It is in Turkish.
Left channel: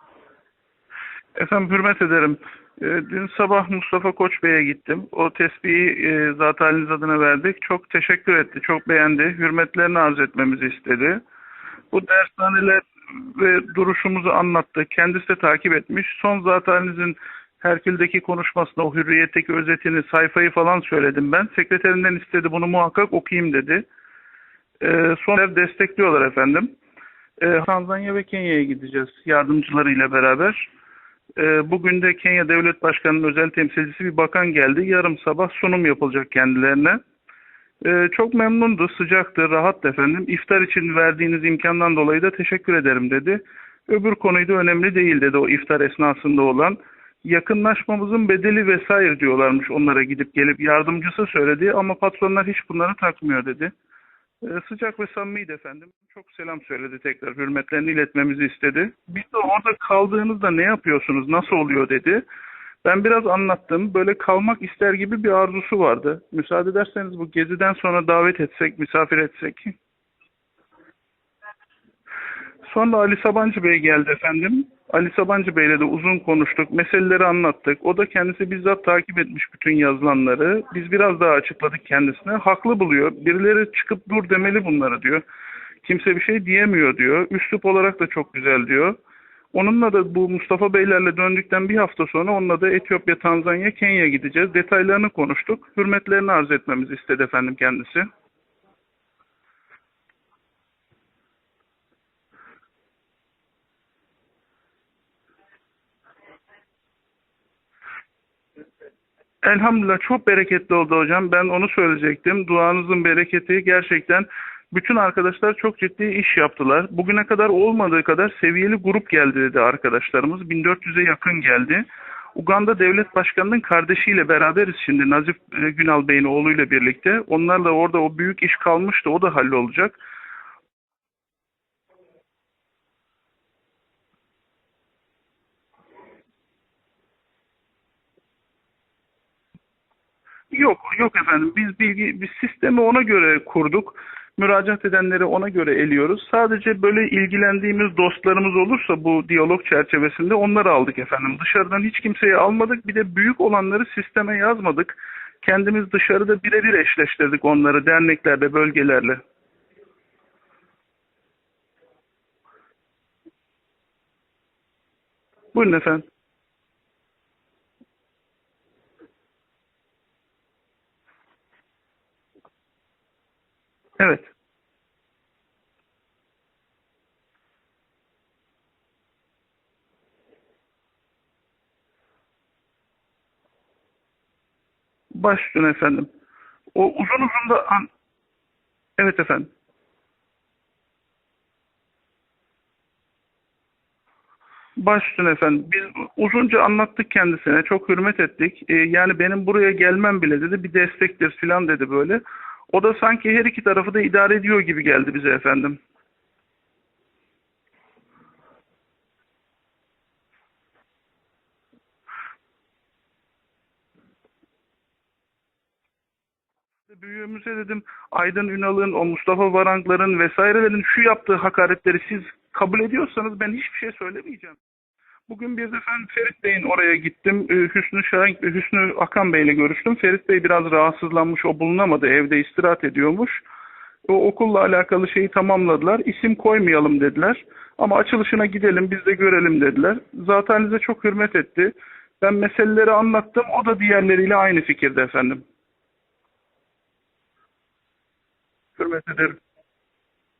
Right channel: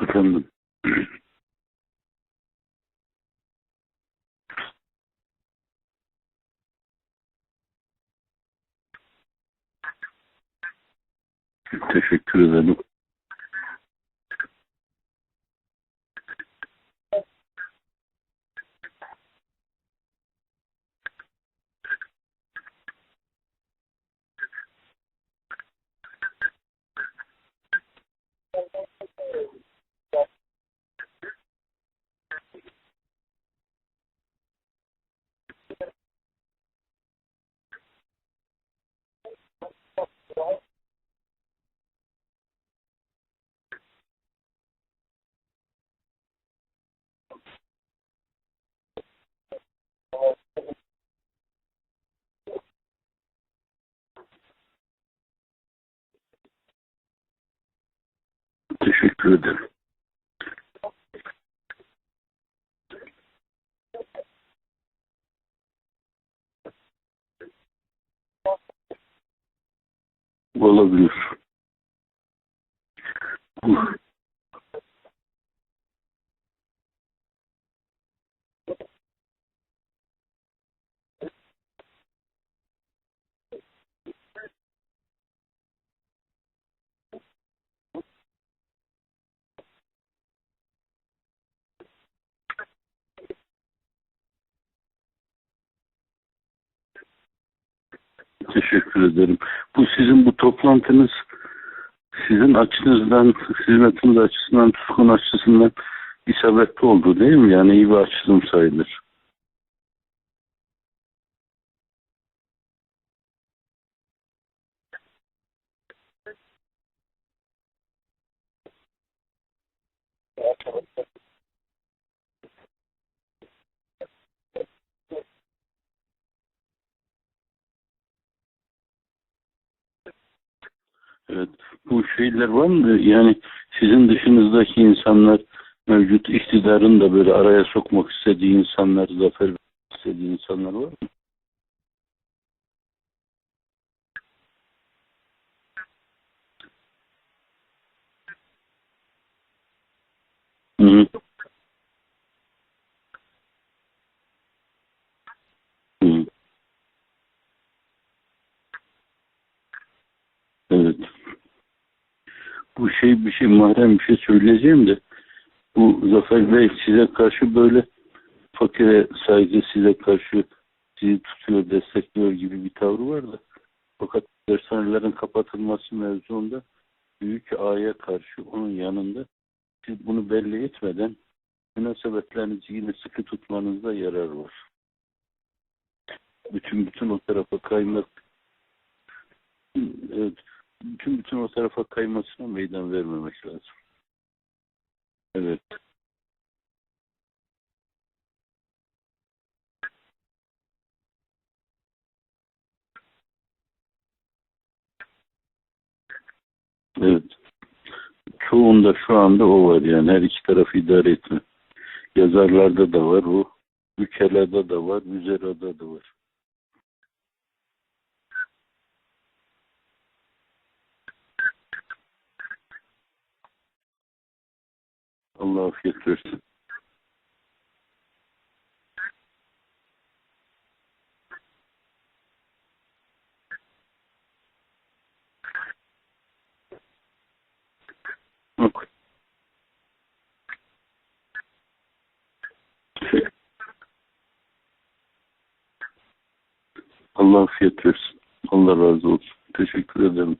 Efendim. Efendim hürmet ederim. Ee, dün sabah Mustafa Koç Bey'e gittim. O tesbihi e, adına verdik. Çok teşekkür etti, çok beğendi. Hürmetlerini arz etmemizi istedi. Teşekkür ederim. Ve duruşumuzu anlattı. Kendisi de takip etmiş. Son zat halinizin Herkül'deki konuşmasında o hürriyetteki özetini, sayfayı falan söyledim ben. Sekreterinden istedi bunu muhakkak okuyayım dedi. E, son destekliyorlar efendim e, Tanzanya ve Kenya'ya gideceğiz yardımcılarıyla beraber. E, bugün de Kenya Devlet Başkanı'nın özel temsilcisi bir bakan geldi. Yarım sabah sunum yapılacak kendilerine. E, çok memnundu, sıcaktı, rahat efendim. İftar için verdiğiniz imkandan dolayı da teşekkür ederim dedi. Öbür konuyu da önemli değil dedi o iftar esnasında olan. Yakınlaşmamızın bedeli vesaire diyorlarmış onlara gidip gelip yardımcısı söyledi ama patronlar hiç bunları takmıyor dedi. Ee, sıcak ve samimiydi efendim. Çok selam söyledi tekrar. Hürmetlerini iletmemizi istedi. Biz de orada kaldığınızda ne yapıyorsunuz, nasıl oluyor dedi. Ben biraz anlattım. Böyle kalmak ister gibi bir arzusu vardı. Müsaade ederseniz bu geziden sonra davet etsek, misafir etsek. Olabilir. Sonra Ali Sabancı Bey geldi efendim. Ali Sabancı Bey'le de uzun konuştuk, meseleleri anlattık. O da kendisi bizzat takip etmiş bütün yazılanları. Biz biraz daha açıkladık kendisine. Haklı buluyor. Birileri çıkıp dur demeli bunlara diyor. Kimse bir şey diyemiyor diyor. Üslup olarak da çok güzel diyor. Onunla da bu Mustafa Beylerle döndükten bir hafta sonra onunla da Etiyopya, Tanzanya, Kenya gideceğiz. Detaylarını konuştuk. Hürmetlerini arz etmemizi istedi efendim kendisi. Teşekkür ederim. Bu sizin bu toplantınız sizin açınızdan, hizmetiniz açısından, tutkun açısından isabetli oldu değil mi? Yani iyi bir açılım sayılır. Elhamdülillah çok bereketli oldu hocam. Ben onu söyleyecektim. Duanızın bereketi gerçekten bütün arkadaşlar çok ciddi iş yaptılar. Bugüne kadar olmadığı kadar seviyeli grup geldi dedi arkadaşlarımız. 1400'e yakın geldi. Uganda Devlet Başkanı'nın kardeşiyle beraberiz şimdi Nazif e, Günal Bey'in oğluyla birlikte. Onlarla orada o büyük iş kalmıştı o da hallolacak. Evet. Bu şeyler var mı? Yani sizin dışınızdaki insanlar mevcut iktidarın da böyle araya sokmak istediği insanlar zafer istediği insanlar Yok var. yok efendim. Biz bilgi biz sistemi ona göre kurduk. Müracaat edenleri ona göre eliyoruz. Sadece böyle ilgilendiğimiz dostlarımız olursa bu diyalog çerçevesinde onları aldık Hı. efendim. Dışarıdan hiç kimseyi almadık. Bir de büyük olanları sisteme yazmadık. Kendimiz dışarıda birebir eşleştirdik onları derneklerde, bölgelerle. Evet. Bu şey bir şey mahrem bir şey söyleyeceğim de. Buyurun bu Zafer Bey size karşı böyle fakire saygı size karşı sizi tutuyor, destekliyor gibi bir tavrı var da. Evet. Dershanelerin kapatılması mevzuunda büyük aya karşı onun yanında siz bunu belli etmeden münasebetlerinizi yine sıkı tutmanızda yarar var. Başüstüne efendim. Bütün, o uzun uzun da... Evet efendim. Evet bütün bütün o tarafa kaymasına meydan vermemek lazım. Başüstüne efendim. Biz uzunca anlattık kendisine. Çok hürmet ettik. Ee, yani benim buraya gelmem bile dedi. Bir destektir filan dedi böyle. O da sanki her iki tarafı da idare ediyor gibi geldi bize efendim. Evet. Çoğunda şu anda o var yani. Her iki tarafı idare etme. Yazarlarda da var o. Ülkelerde de var. Müzelerde de var. Büyüğümüze dedim Aydın Ünal'ın, o Mustafa Varankların vesairelerin şu yaptığı hakaretleri siz kabul ediyorsanız ben hiçbir şey söylemeyeceğim. Bugün bir ben Ferit Bey'in oraya gittim. Ee, Hüsnü Şahin, Hüsnü Akan Bey'le görüştüm. Ferit Bey biraz rahatsızlanmış, o bulunamadı. Evde istirahat ediyormuş. O okulla alakalı şeyi tamamladılar. İsim koymayalım dediler. Ama açılışına gidelim, biz de görelim dediler. Zaten size çok hürmet etti. Ben meseleleri anlattım, o da diğerleriyle aynı fikirde efendim. Allah afiyet versin. Allah razı olsun. Teşekkür ederim.